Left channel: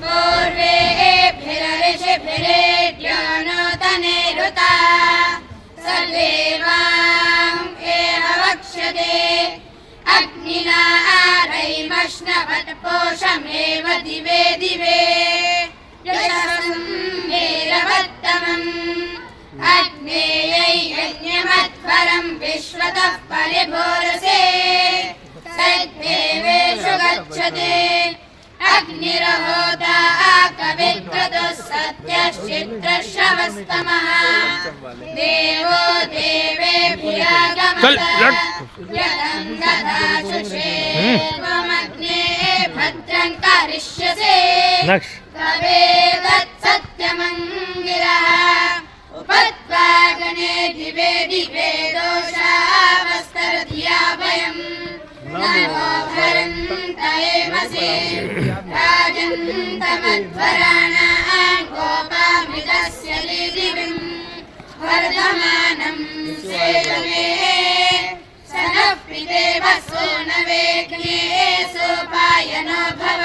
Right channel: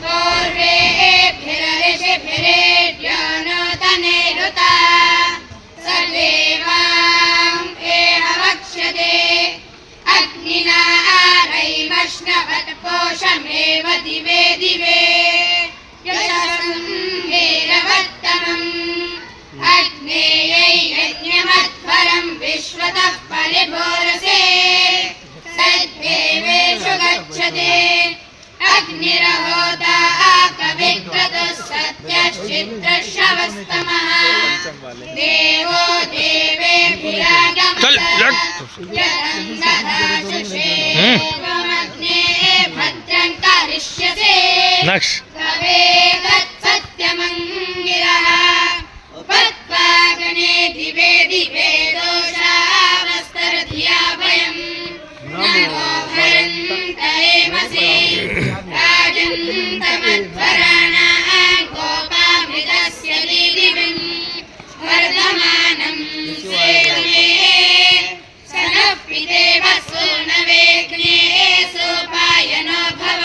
पूर्वेभिरऋषिभिरेड्यो नूतनेरुता सर्वेवाम् एव वक्ष्यते अग्निना आरैमश्नवत्पोषमेव दिवे दिवे यशसं वीरवत्तमम् अग्नेयै यज्ञमध्वरं विश्वतः परिभूरसे सद्देवेषु गच्छते अग्निरहोता कविक्रतुः सत्यश्चित्रश्रवस्तमः देवो देवेभिरागमतः यदं ददाशुषे त्वमग्ने भद्रं करिष्यसे तवेदत्सत्यमङ्गिरः उपत्वाग्ने दिवे दिवे दोषावस्तरधिया भयम् नमो भरन्तरेमसि राजन्तमध्वराणाः गोपामृतस्य दिविम् वर्धमानं सेदमे स नः पितेव सूनवेग्ने सोपायनो भव